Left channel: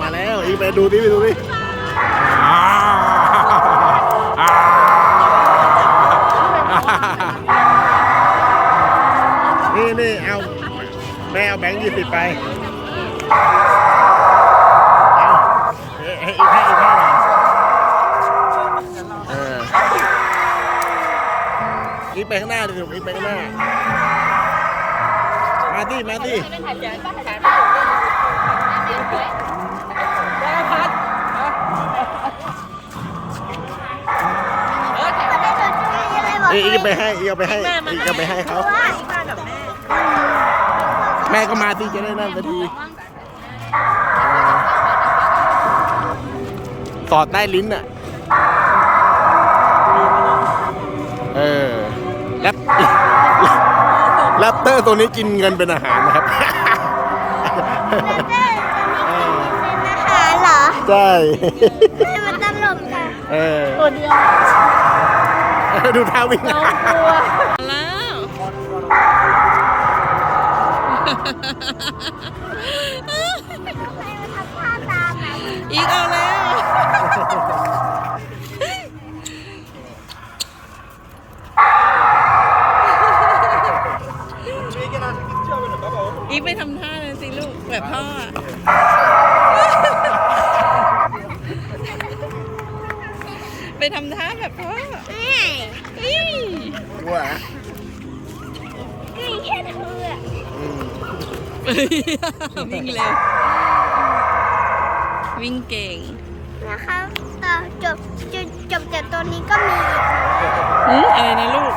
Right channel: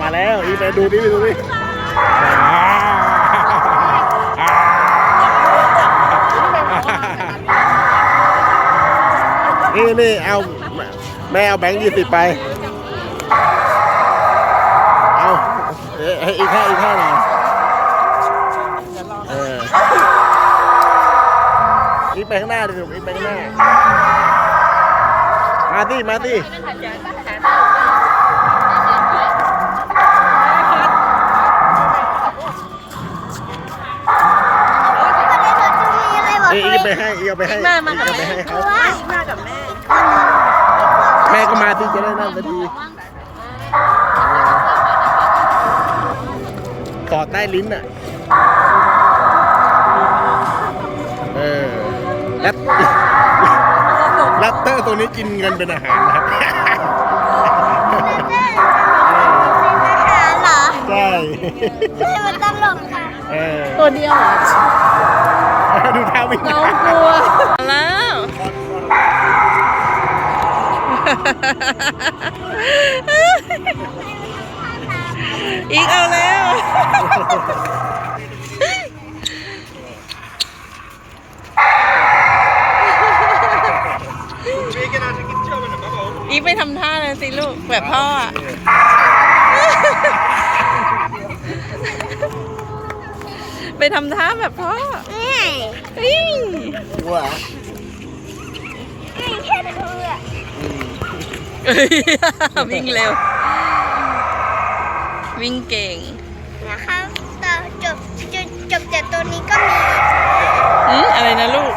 มาแล้วอีไปดูดิไปดูดิอ่นี่นี่เอาแม่เอาแบงค์ยี่สิบไป เอาเอ๊ะให้อีกห้าอีกห้าหน่อยเอออีกไปข้างหน้าดิลูกอีกไปข้างหน้า มาสิมาสิ อ้ยอีกไปให้อีกเอาไปให้อีกเอาไปให้เขาแม่ก็มาที่จะได้นั่นสักทีเออสอดใต้ลิ้นอะ เออแรปแรปเตอร์ตัวนี้กินเงินเป็นอาหารนะครับเออหาเหรอ ใช่ให้มันตลกค่ะเออ ตัวเดียว ดูท่าวิ่งแล้วให้มันทำท่าตามอะอีกเอาแล้วอีกไปทำท่าเลยสิลูกแบบพ่ออะไปทำท่าแบบพ่อ นี่ไงอี้ว่านี่แค่คืออะอืมวิ่งเร็ว วิ่งเก่งนะคะต่อจบจบจบจากตัวนี้ก็มีอีกอืมอะไรนะลูก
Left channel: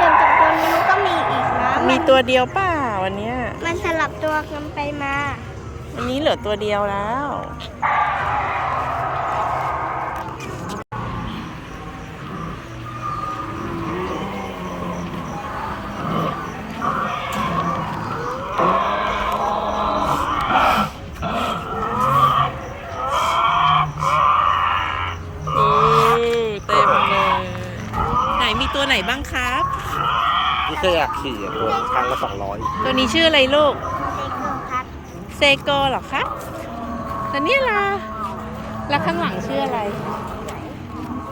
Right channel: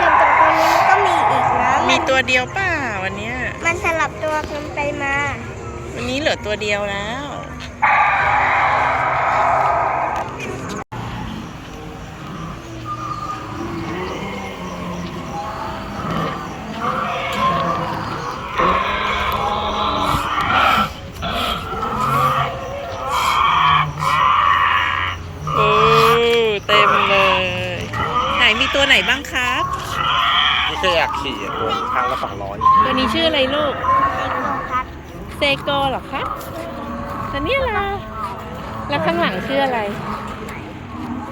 จบจากตัวนี้มันก็มีอีกนะมีนตัวเดียวเปล่าวันเนี้ย มันสลับตัวกันไปมา วันนี้เหลือตัวเดียวแล้ว ตัวไหนบ้างครับที่เคยอยากขี่อะตัวทางละสองร้อยตัวนี้ชื่ออะไรลูก เด็กโลครับเซโกเหรอครับแล้วเนี่ยล่ะ แล้วข้างหลังชื่ออะไร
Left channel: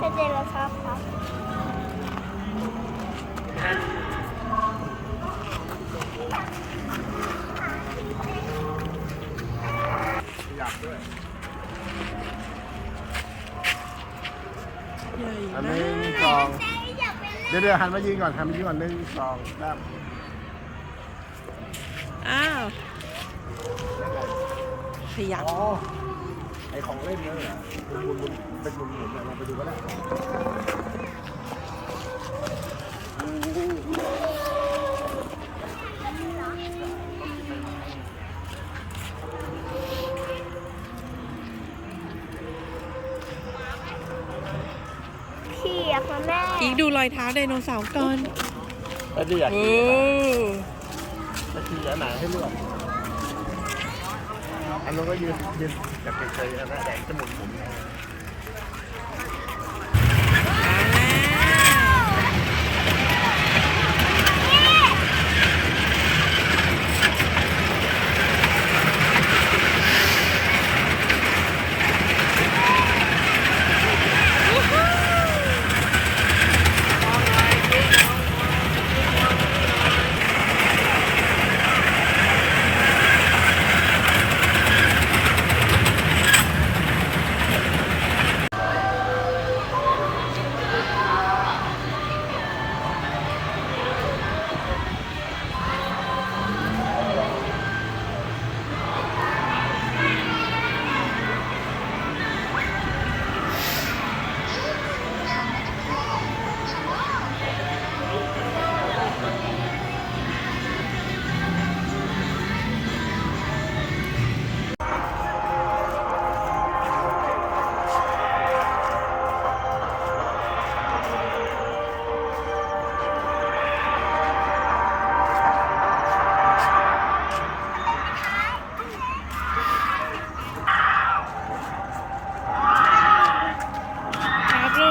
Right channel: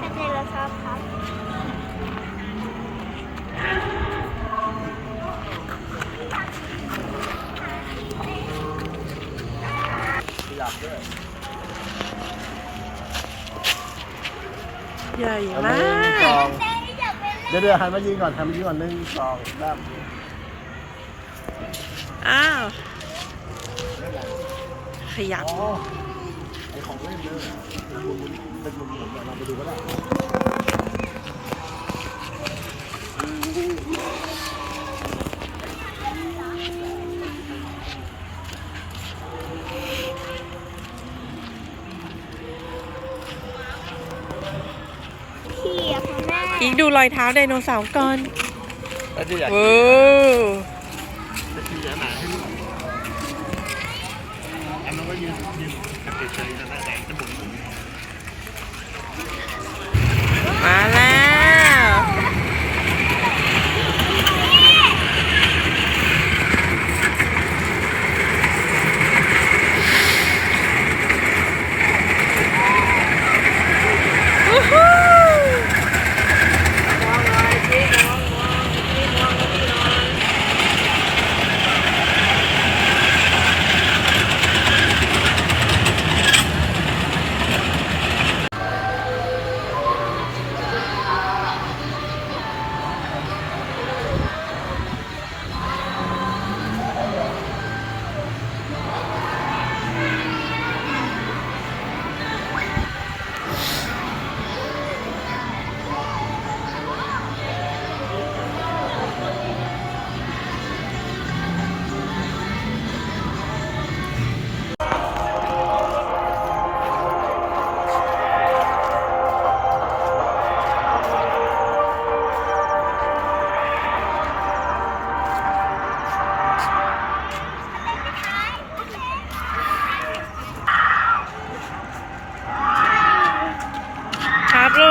แสดงชอบครับอยากด้วยใหญ่มากแต่อยากเป็น เดี๋ยวเดี๋ยวหันมายืนก่อนหันมายืนก่อนหนึ่งสองสามอ้าวขยับ อ๋อไอของเล่นนั่นแหละเป็นมุนๆเป็นมุนๆเนี่ยเราไปดูก็ได้ ขี่อะค่ะแม่อีกดูรอยเท้าไดโนเสาร์ก่อนไอ้ที่อยากโอ้ขี่จะหนาให้เลือกอันนั้นก็ยืนยืนกับเฉยๆกันนะแต่จะหมุนหมุนมาแล้ววู้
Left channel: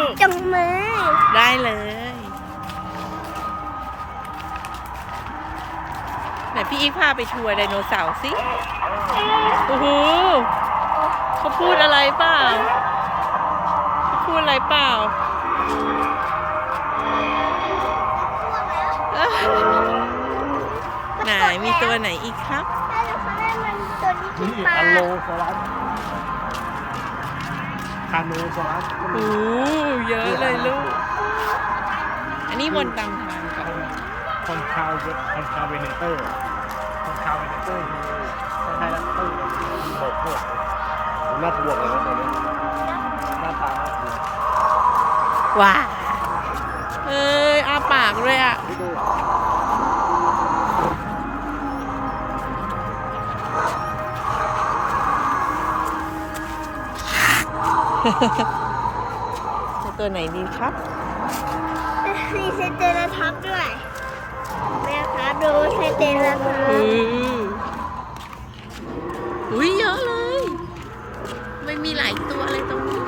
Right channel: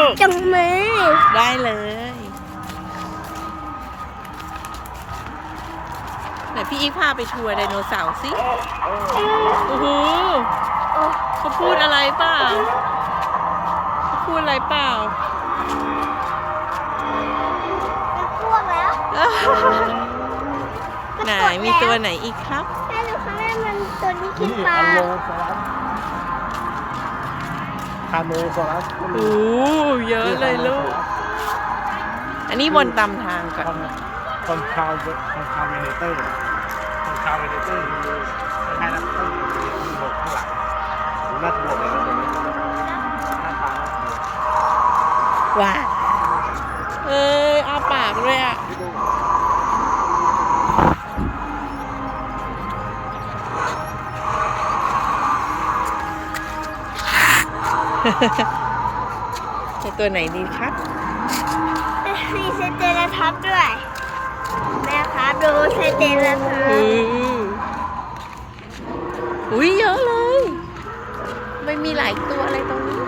ลูกจังมือ ได้เลย ไหนพี่อีกพาไปทัวร์ไดโนเสาร์สิเอ้ยโอ้โหโอ้โหเขาพูดอะไรเปล่าเขาพูดอะไรเปล่ามันอ้วกแล้วไหนมีตัวไหนอีกครับแม่ดูข้างหน้ามันตัวนี้กินนี่ปลา อัลโลซอรัส คาโนซอรัสโอ้เยอะเลยลูก อันนี้วนตามทางก่อนคอนคาวเวคอนคาวเวเนเตอร์คอนคาวเวเนเตอร์คือคล้ายๆนักเตอร์เลยมีโบกข้างหลังน่ากลัวเลยนะตัวนี้หน้าตาน่ากลัวว้าเอ้ยอาปากเลยอะ จะตัวไหนดีครับ มีสเตลท็อปด้วยแม่ครับดูสเตลท็อปอืออุ้ยเยอะเลยไม่มีหลายตัวอะไรตรงนี้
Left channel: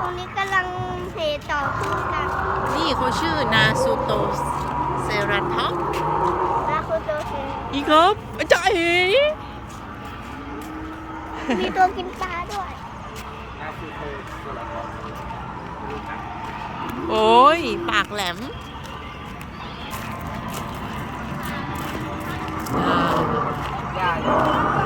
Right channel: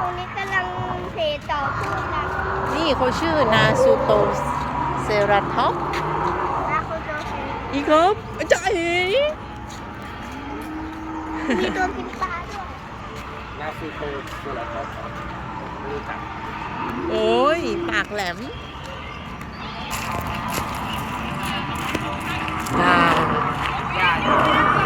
ตรงนี้กำลังเพต่อสู้กันนี่เขาชื่อนาซูโตเซราทอปนะคุณโจเซอีกครับอาจารย์เอ๋มีตัวกินปลา โอ้ย ปากแหลมอ่าแม่อันนี้มันเล็กอะ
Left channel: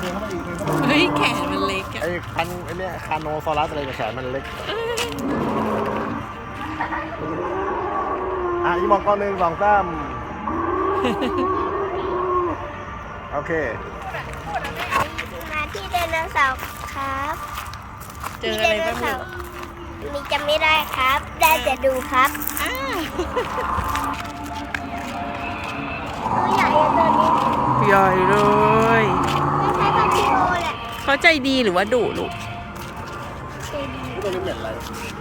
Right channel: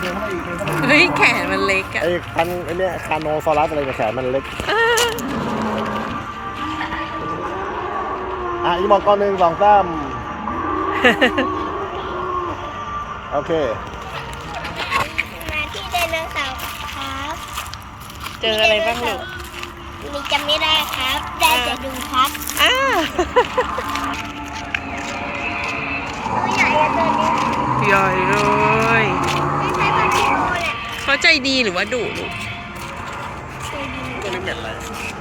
เดินเข้าไปอีกเดินเข้าไปอีกเฮ้ย แขนมันเล็กอะ ไอ้คันไอ้เนี่ยคาโนซอรัสอะไรเนี่ยแขนมันเล็ก อ่าอะอีมองก้อนหนึ่งสองสามโอเค มาที่ไดโนเสาร์ครับเจออะไรบ้างลูกมีจำไม่ได้ครับ ได้จะดูครับอ่าตัวใหญ่อะตัวนี้ใหญ่เลยไม่ใช่พันธิโอแหละเขาใจดีหรือว่าดุลูก ตัวดีตัวนี้เหม็นอะไร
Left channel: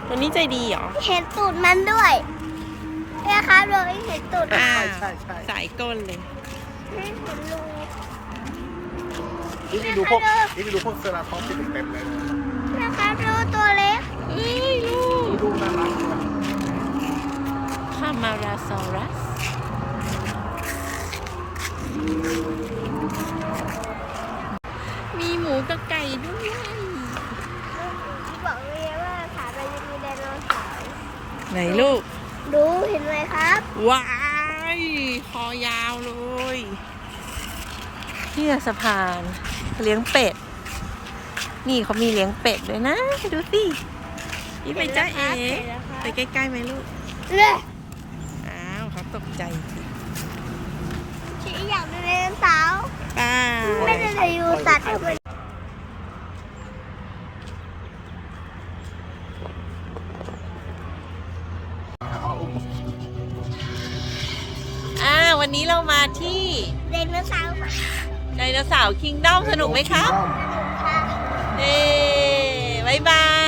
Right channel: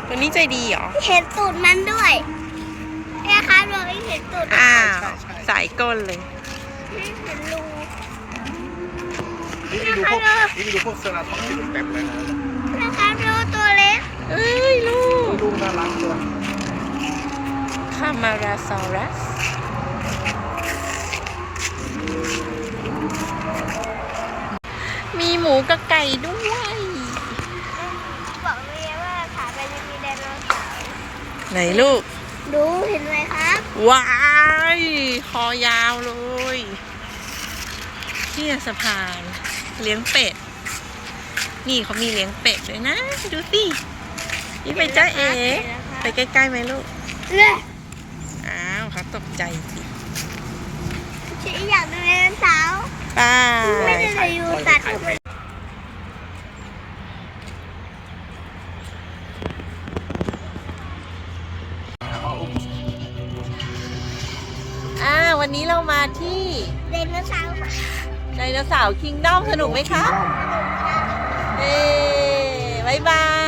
ตัวนี้ใจดีเหรอ เห็นตูดมันด้วยแม่ครับเราไม่เห็นตูดอ้าวสายก้นเลยไม่เห็นรูนี่ดูพวกนี่ดูพวกเซราทอปที่เป็นเต็มเลยนะนะครับดูตัวเล็กเอ้ยลูกดูน่ารักเลยคามาราซอรัสมีหมูกับไก่ด้วย บอกเลยว่าขาไปจะมีไดโนเสาร์ ไหนลูก ดูเห็นไหมครับว้ายคอยาวเลยที่สะพาน เลี้ยงเป็ด นี่เขามีเลี้ยงเป็ดด้วยนะ ดูสินี่ไปจ้าเอ๋ไปใกล้ๆไหมลูกเลยอ้าวเขาตกใจสิฉันอยากดูไดโนเสาร์ไป้าไม่ได้เลยดูสัตว์ วันนี้เรามาที่ไดโนเสาร์ค่ะไดโนเสาร์คิงดอมสนุกไหมคะเอ้บายบาย